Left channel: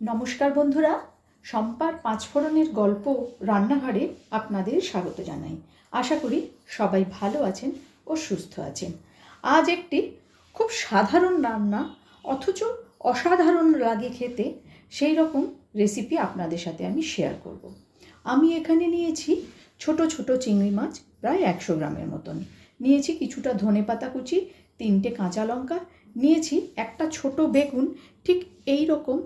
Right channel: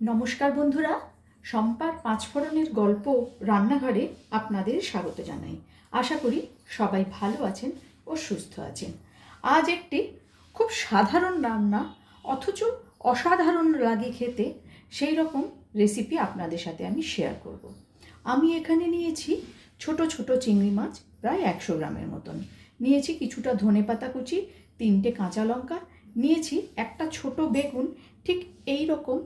নমস্কার বন্ধুরা, শম্পার পাঁচফোড়নের গল্প রান্নাঘরে আপনাদের স্বাগত জানাই। আশা করি সবাই ভালো আছেন ও সুস্থ আছেন। আজ একটি খুব সাধারণ রান্না অথচ অসাধারণ লাগে খেতে, সেই রকম রেসিপি আপনাদের সাথে আমি শেয়ার করব। আমি এখানে নিয়েছি ছোট ছোট চিংড়ি মাছ, প্রায় 100 গ্রামের মতন। নিয়েছি কিছুটা ধনেপাতা কুচি, 3টে কাঁচা লঙ্কা, নিয়েছি একটা ছোট বেগুন ঠিক এই রকম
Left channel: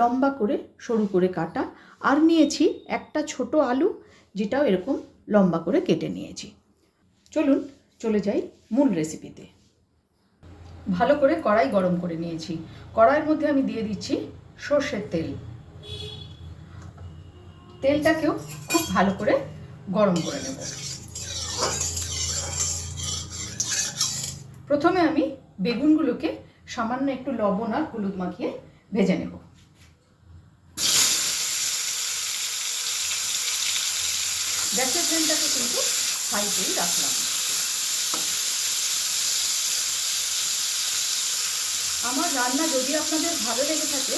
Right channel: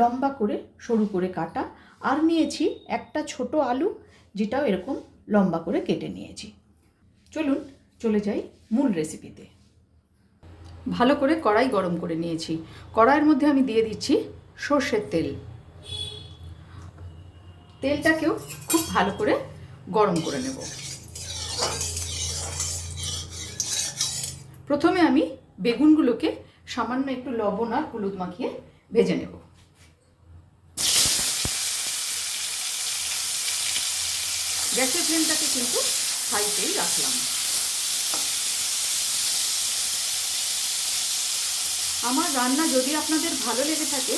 লম্বা করে সরু করে কাটা, আর নিয়েছি একটা ছোট আলু, যেটাও এরকম লম্বা করে কেটে নিয়েছি। চলুন চলে যাই মূল রেসিপিতে। ভালো করে কড়াই গরম করে নিয়েছি। কড়াইয়ের মধ্যে আমি দিয়ে দিচ্ছি সর্ষের তেল। তেলটাকেও খুব ভালো করে গরম করে নেব। প্রথমে আমি বেগুনগুলোকে সামান্য একটু লবণ আর হলুদ মাখিয়ে ভেজে নেব। গ্যাসের ফ্লেমটাকে কিন্তু হাইতেই রাখলাম। আমার রান্না যদি আপনাদের ভালো লেগে থাকে,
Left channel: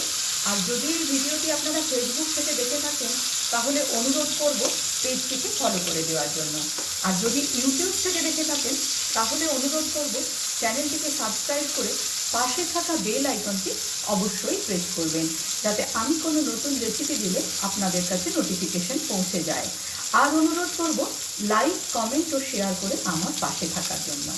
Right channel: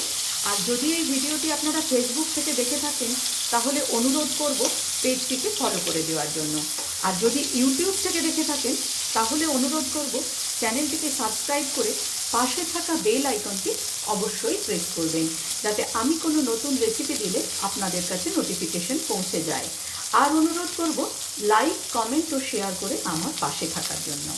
আর যদি এই ভিডিওটি আপনারা ফেসবুক থেকে দেখে থাকেন, তাহলে অনুরোধ করব পেজটিকে ফলো করে দেওয়ার জন্য। আর যদি ইউটিউব থেকে দেখে থাকেন, তাহলে অনুরোধ করব চ্যানেলটিকে সাবস্ক্রাইব করে পাশে থাকা বেল আইকনটি অবশ্যই প্রেস করবেন, যাতে আমি কোনো নতুন রেসিপি দিলে আপনাদের কাছে নোটিফিকেশন পৌঁছে যায়। আর অনুরোধ করব লাইক, কমেন্ট ও শেয়ার করে আমার পাশে থাকার জন্য।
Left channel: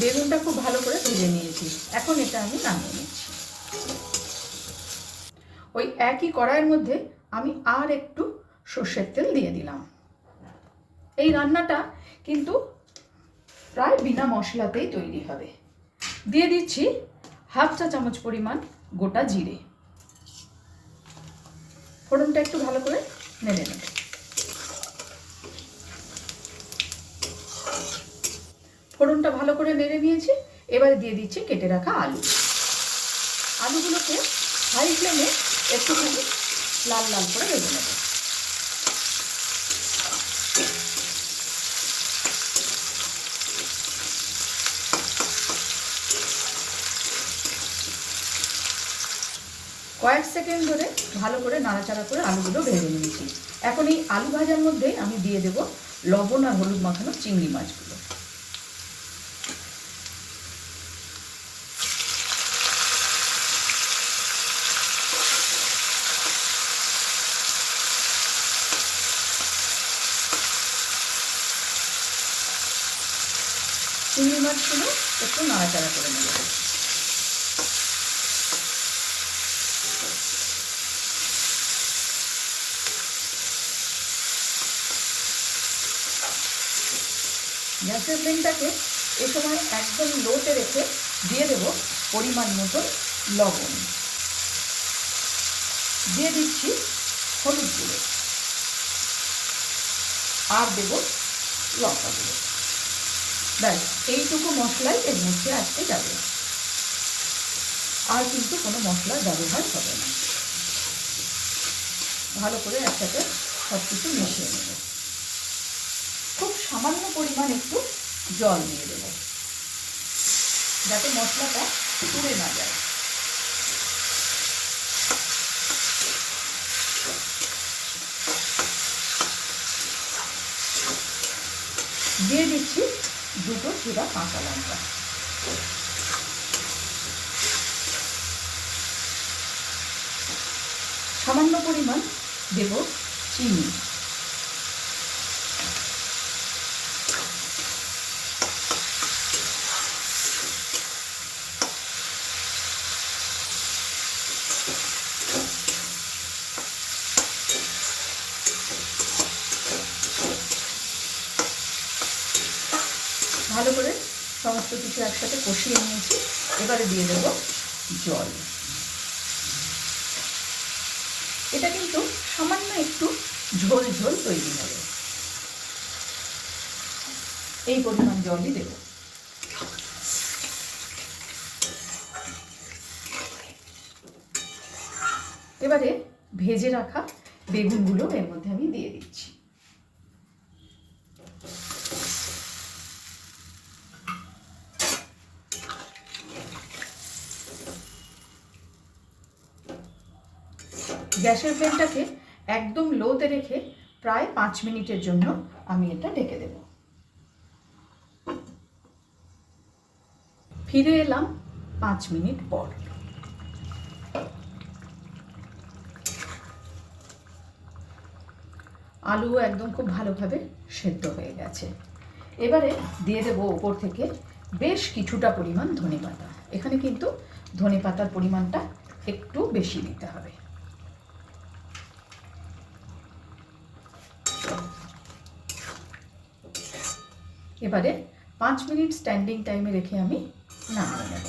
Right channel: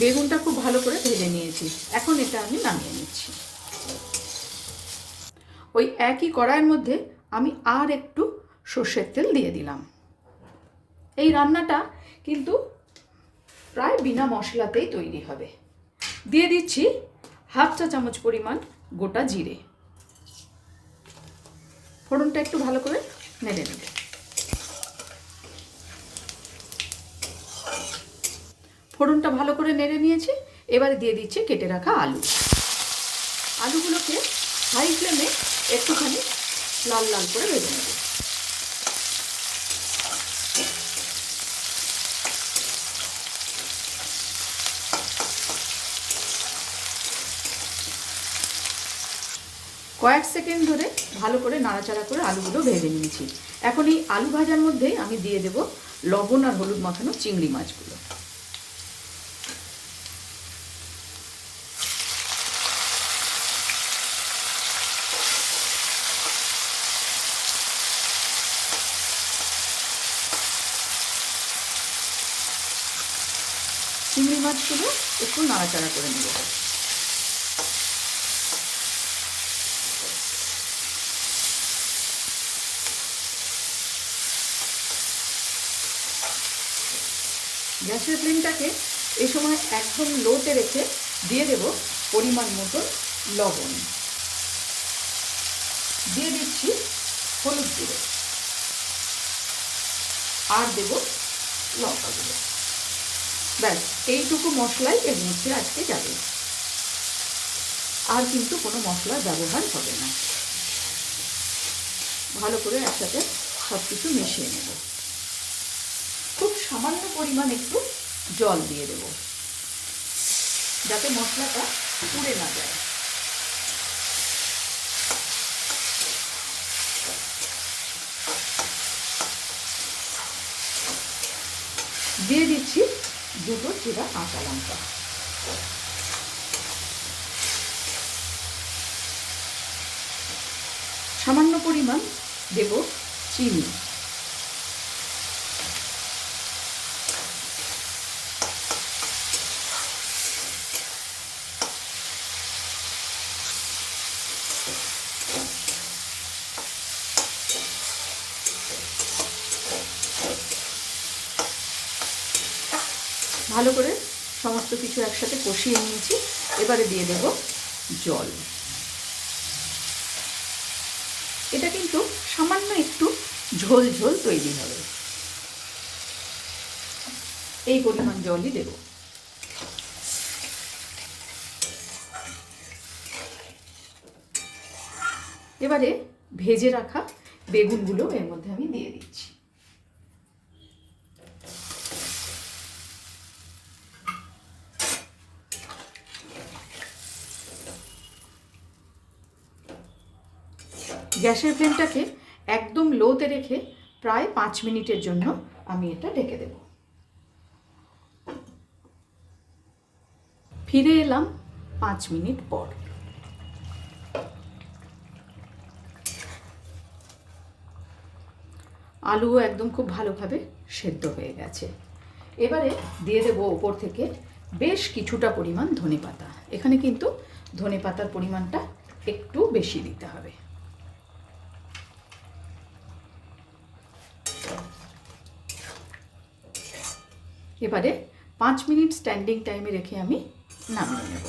বেগুনটা খুব ভালো করে ভেজে নিয়েছি, এখন এটা আমি নামিয়ে নিচ্ছি। ওই একই কড়াইয়ের মধ্যে আমি আর একটু সর্ষের তেল দিয়ে দিলাম। এই রান্নাটা কিন্তু প্রায় বিনা মশলাতেই তৈরি হবে। দিয়ে দিচ্ছি হাফ চা চামচ পরিমাণ গোটা জিরে। ফোড়নটা একটু ভালো করে নেড়ে নেব। ফোড়নটা ভালো করে নেড়ে নিয়েছি। এবারে দিয়ে দিচ্ছি কেটে রাখা আলু। আলুগুলোকে হাই ফ্লেমে একটুখানি লাল লাল করে ভেজে নেব। কয়েক সেকেন্ড ধরে ভালো করে নাড়াচাড়া করে আলুগুলো ভেজে নিয়েছি। এখন এই আলু ভাজার মধ্যে আমি দিয়ে দেব লবণ আর হলুদ মাখানো চিংড়ি মাছগুলো। চিংড়ি মাছগুলো একটু নাড়াচাড়া করে নেব। গ্যাসের ফ্লেমটাকে এই সময় একদম লোতে রেখে দিয়ে দেব পরিমাণ মতো লবণ। দিয়ে দিচ্ছি হলুদ গুঁড়ো, আর দেব লঙ্কা গুঁড়ো। ব্যাস, এইটুকু মশলাই এর মধ্যে আজকে যাবে, আর কিন্তু কোনো মশলার ব্যবহার হবে না। ভালো করে একসাথে সব কিছু মিশিয়ে নেব। খুব সামান্য পরিমাণ একটু জল দিয়ে দেব, যাতে মশলাটা পুড়ে না যায়। দিয়ে দিচ্ছি দুটো চিরা কাঁচা লঙ্কা। সামান্য পরিমাণ দেব চিনি। ভালো করে সমস্ত কিছু একসাথে কষিয়ে নিয়েছি। এবারে দিয়ে দেব জল। এটা কিন্তু সামান্য একটু ঝোল ঝোল তৈরি হবে, এই পরিমাণ জলই দেব। এবারে ভেজে রাখা বেগুনগুলো এর মধ্যে আমি দিয়ে দিচ্ছি। গ্যাসের ফ্লেমটাকে একদম লোতে রেখে প্রায় 5 মিনিটের জন্য আমি এটা ঢেকে দেব। ফিরে এলাম 5 মিনিট পর। আলুও একদম খুব ভালোভাবে সেদ্ধ হয়ে গেছে। এবারে দিয়ে দেবো ওপর থেকে বেশ কিছুটা পরিমাণ ধনেপাতা। এখানে কিন্তু ধনেপাতার পরিমাণটা একটু বেশি দিতে হবে। এবারে 5 মিনিট স্ট্যান্ডিং টাইমে রেখে আমি নামিয়ে নেব।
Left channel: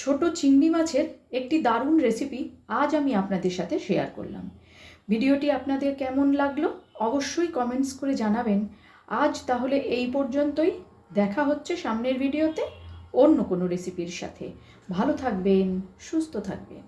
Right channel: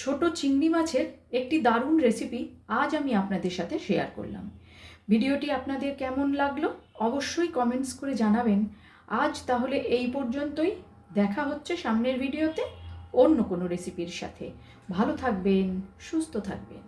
ছোট চিংড়ি মাছের একটি দারুণ রেসিপি আজ আমি আপনাদের সাথে শেয়ার করলাম। ভিডিওটি আপনাদের কেমন লাগলো অবশ্যই কমেন্টস করে জানাবেন। আজ তাহলে এই পর্যন্তই। দেখা হচ্ছে সামনের ভিডিওতে অন্য কোনো রেসিপির সাথে। ভালো থাকবেন, সুস্থ থাকবেন।